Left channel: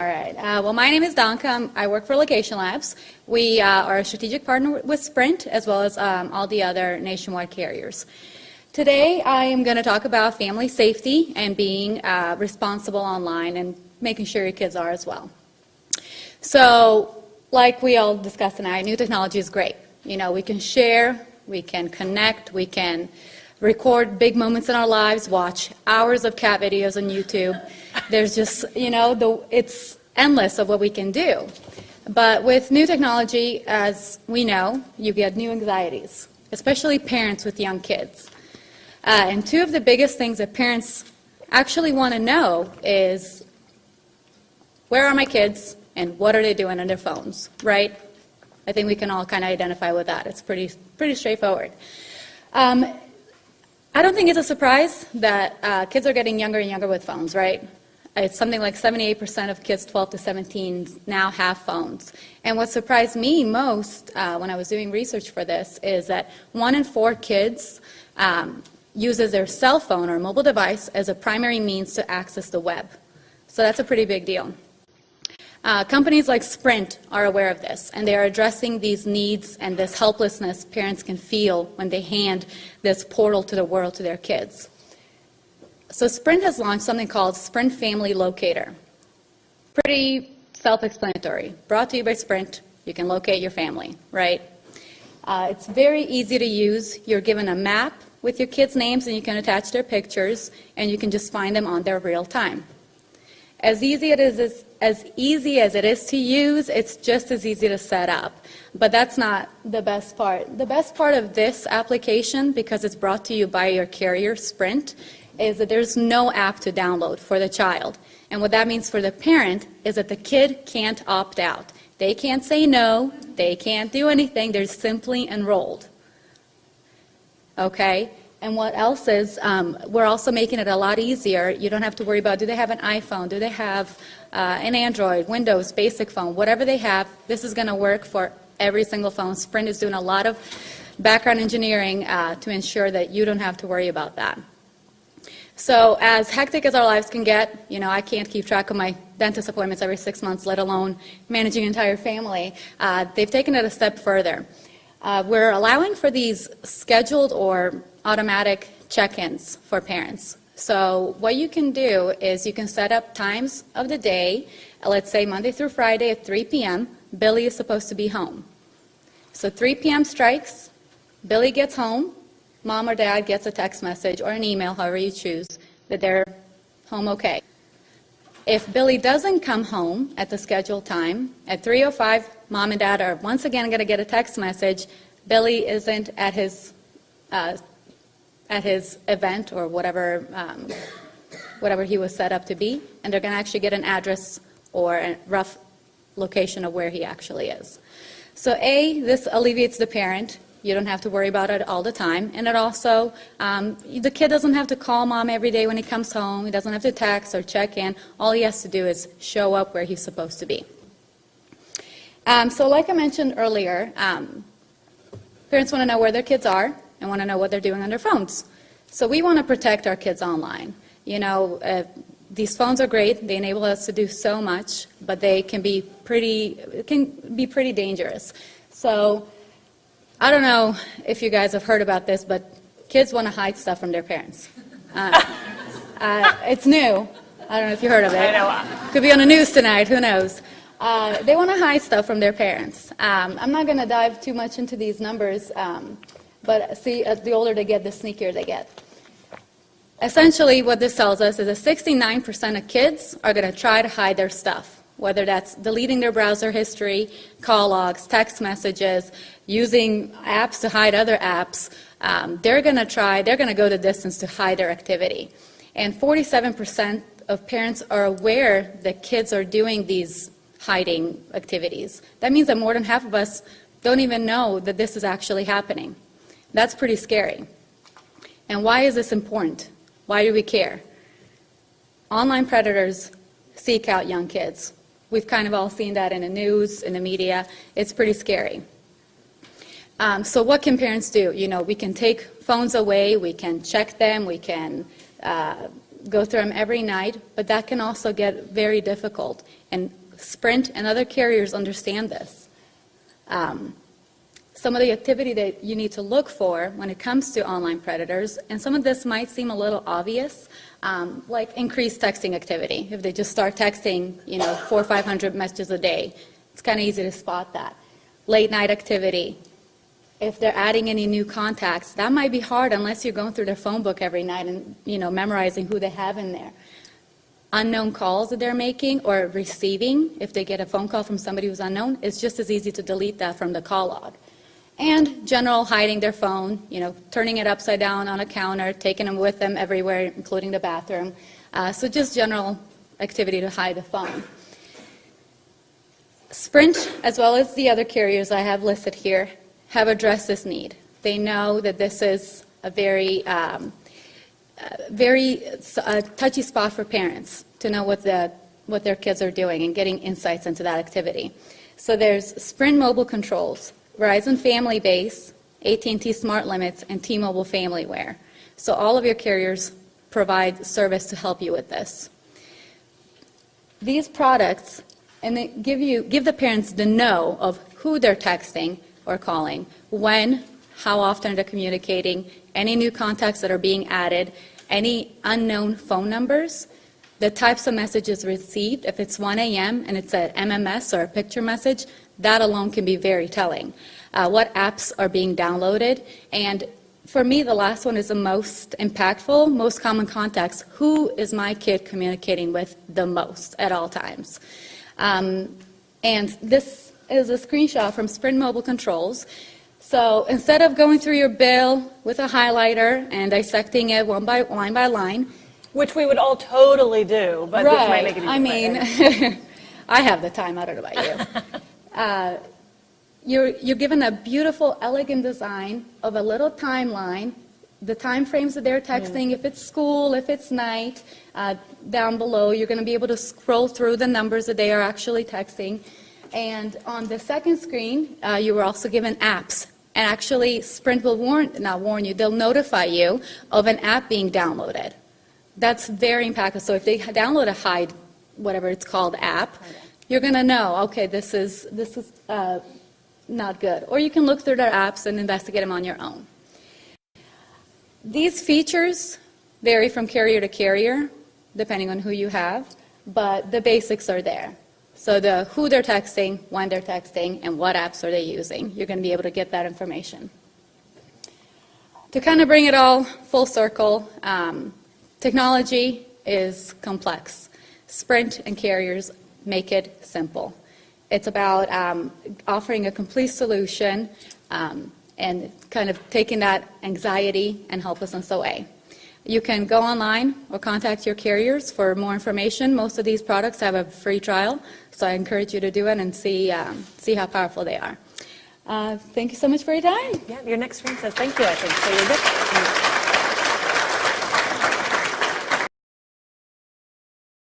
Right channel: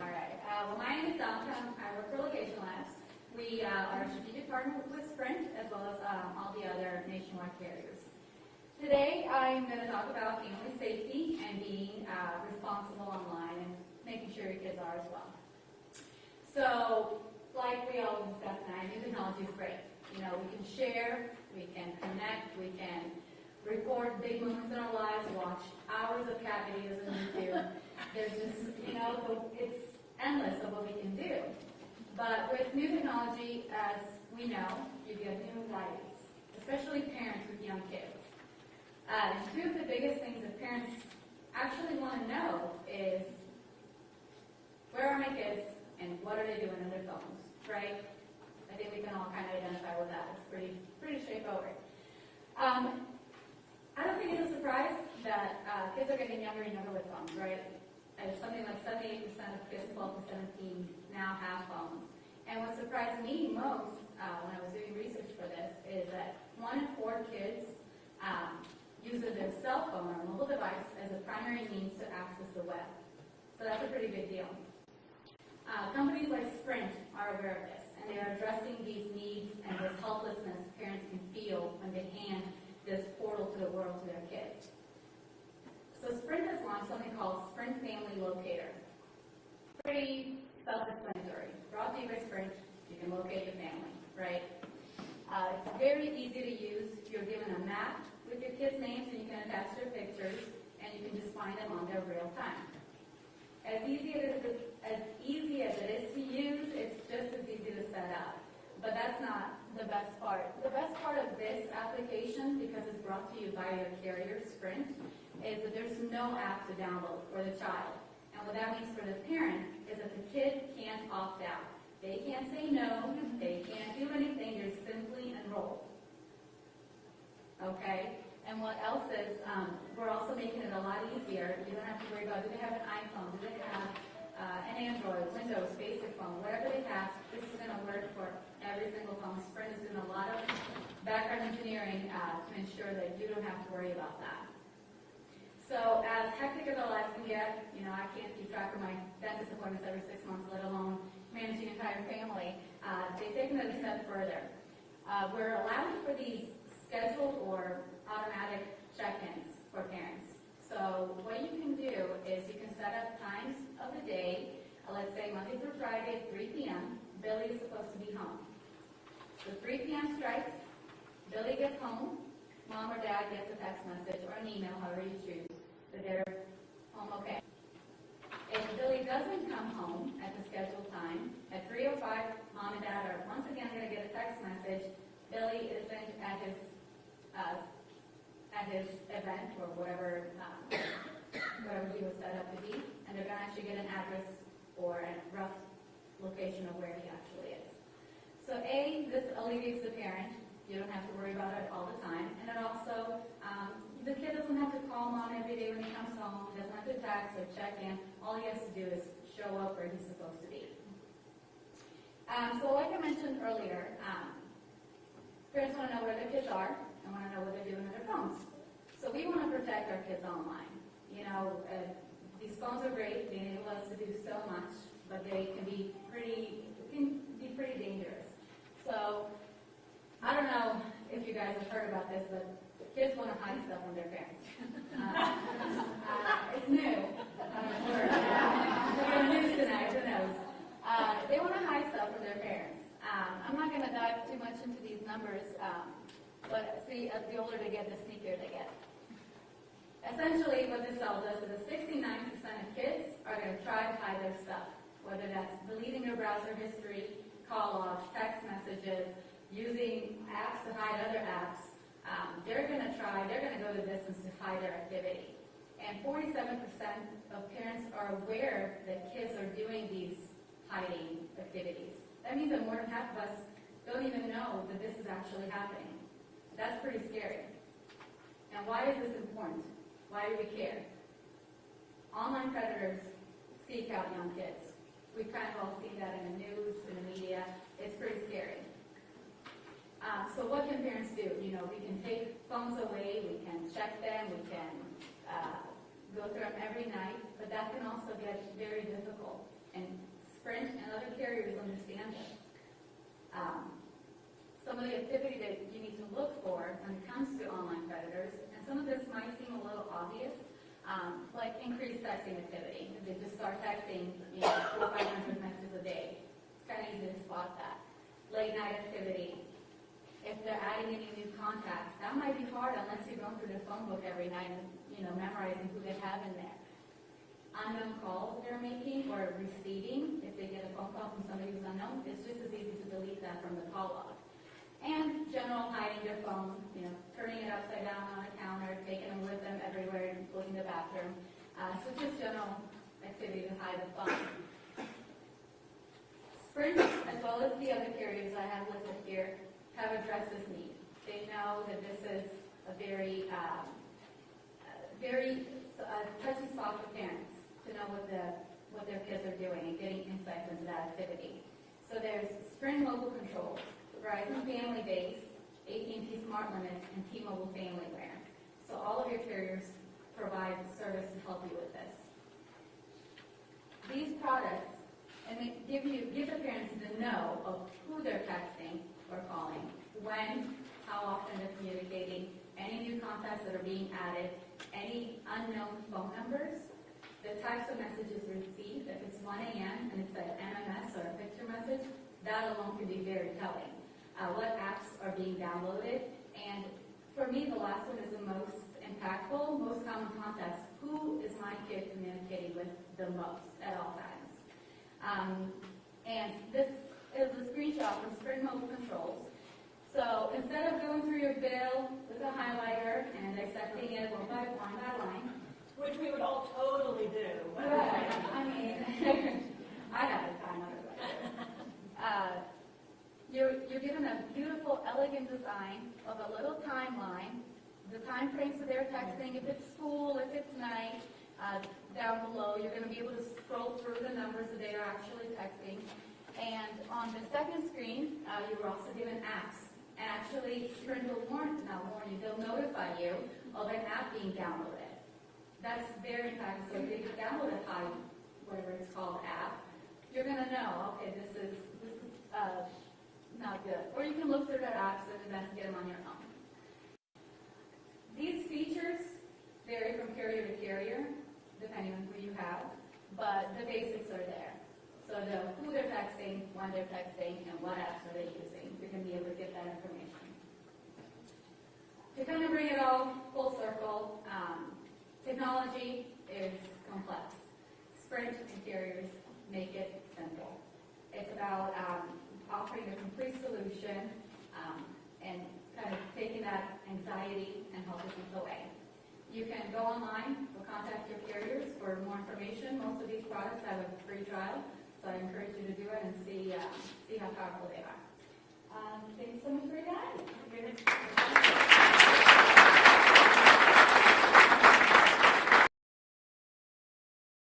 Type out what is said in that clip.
All right. Well, my name is Danka. I work for Location Labs. We are a strategic partner with Sprint, as well as all the other nationwide carriers. Today, I am going to talk about family safety and being responsible online and making sure your kids are as well. So, like we all discussed tonight, new technology is great. You know, we can share, we can connect, we can record big moments in our lives, watch hours of cat videos on YouTube. There's just, it's endless of what we can do. But with new technology, as we know, you get new anxieties, especially parents with young kids. And two of the biggest things that parents actually want to know is, where are my kids and what are they doing on their phones, right? I think we can all kind of identify with that. It's pretty straightforward. I don't think it's a surprise that kids are getting younger and younger with phones, right? It's something like 78% of kids 12 to 17 now have phones. And what surprised me most when I was doing research for this is that 1 in 4 kids uses their cell phone or mobile device as a primary means to access the web. So that's a pretty big deal. Companies like Sprint are aware of this, and they are addressing these needs and this helplessness parents can feel when they hand this portal to the world to their kids. So Sprint has launched something called Sprint Family Locator. Pretty self-explanatory. Brought to you by Sprint. You can locate your family, right? It's very easy to use. You're given a map with your kids' names, and you can attach their pictures, and you can just find them on there real time. As easy as it is to use, it's just as easy to set up. But that's not the best part. The best part of this application, because it's brought to you by your carrier, Sprint, is that there's no app to download for the child. And what that means for the parent is that the kid can't opt out. They can't say no. They can't do anything. They're simply enrolled. Okay? And what else is, we're also making it a lot easier. You don't have to worry about, do they have an iPhone? Do they have an Android, Windows, basic phone? Whatever they have, this is going to work for every single phone. Sprint is doing a lot of background engineering to ensure that you don't have to worry about that. So as hectic as our lives can get, I can't keep track of my dentist appointments every 6 months, let alone managing an entire family. They've taken it a step further. We're allowing for these scheduled or automatic check-ins for parents. So what you can do is you can set up times of the day. Let's say Monday through Friday at 3 p.m., Billy is supposed to be home. So 3 p.m. strikes, Billy gets home, mom or dad gets a text message or an email, however you choose, that they're home okay. If Billy doesn't come home at the scheduled time, at 3:05, mom and dad are once again going to get a text message, Billy isn't at his event or whatever he was set up to be, and they're going to actually get an address or a rough location of where he actually is. So this alleviates the parent. You don't have to worry about it all the time, and it also, the kid doesn't have to call mom every day when he comes home. He doesn't have to text or check in. All he has to do is show up where he's supposed to be. So like I mentioned earlier, parents want to know where their kids are and want to know what they're doing on their phones. So we want to protect our kids online. These phones are great. They enable us to do so much, but they can be pretty dangerous. So I don't know if you guys have heard about this, but kids want to hide stuff from their parents. It's new. I don't know if you heard of it. Could be on the news tonight. Who knows? They want to hide stuff from their parents. I'm not going to dive too much into these numbers, but see, the older they get, the sneakier they get. Essentially, what this tells us is that 69% of kids are going to try to hide their stuff, whether that's deleting their browser history, call logs, text messages, using apps to hide other apps. They're going to go the distance to hide their activity. And 47% of parents are aware that kids are doing these hiding activities. That means that more than half of us don't even know that this is actually happening. That's pretty scary. And why is this important? Why do we care? Online predators seek out young kids. We've kind of all seen that in the news, in the media. It's pretty scary. So what can parents do? We can take phones away, we can check them, we can go through them every night, but that can also get very difficult. And Sprint and other carriers understand this. Some of the activity that you need to look for when it comes to online predators, and some of this might seem a little obvious, like increased texting activity. If they just start texting, 400 or 500 messages a day, it's kind of easy to spot that. Late night activity. If they're adding any new contacts, that might be hard unless you're going through their phone book every night and, memorizing who they have in there. Unknown calls that they're making or receiving, if they get a phone call from somebody who's unknown, it's just as easy to delete that from the call log. And general hiding their phone, turning it upside down on a counter, taking them with them everywhere, including the bathroom. So just general activity to hide the phone. Sprint, as well as the other carriers I have listed here, have addressed this need. They know that this is a very touchy spot for parents to know what their kids are doing and getting insights into that activity. So there's Sprint mobile controls, Verizon Family Base, AT&T Smart Limits, and T-Mobile FamilyWare. So all of your carriers provide service to help you with this. These products, and they give the parents the know of who they're texting or calling, when, how often they're communicating, any new contacts that are being added, any unknown phone numbers, the types of messages received. If it's 1 a.m. and it's an MMS or a picture message, that alone can be very telling. What apps are being downloaded, and for me, the last one is the most impactful, most common contacts. Who is my kid communicating with the most at all times? And this is a screenshot from Sprint Mobile Controls. So instead of going through your bill with a highlighter and dissecting it line by line, which we would all totally do, but this might make it easier. I have the time, I don't know about you. You're given a beautiful, elegant design of a little timeline, the time frames that they're texting, if it's school, if it's night. Down below, you're going to be able to scroll through the numbers that they are actually texting. And on the second screen, you were also given apps. And actually, Sprint will they'll notify you of an app being downloaded. That's very impactful. So if they download a hide, whatever it's called, app, you're going to know, okay, this is not good. Or you can look through their apps and investigate them on your own. These features vary from carrier to carrier, depending on who you have, but the basics are there. So who they're texting, when they're texting, and what apps are they using. You're going to be able to get that information. To kind of bring it all full circle, technology is complex. Sprint and carriers make it simple. It's about offering a complete solution and kind of taking that anxiety and helplessness away. You can go online or contact your carriers for more information. Most of these products have a free trial, so I encourage you to do it and see how powerful they are. Thank you so much for your time. Yeah, your next screen says thank you, I think. So you're good.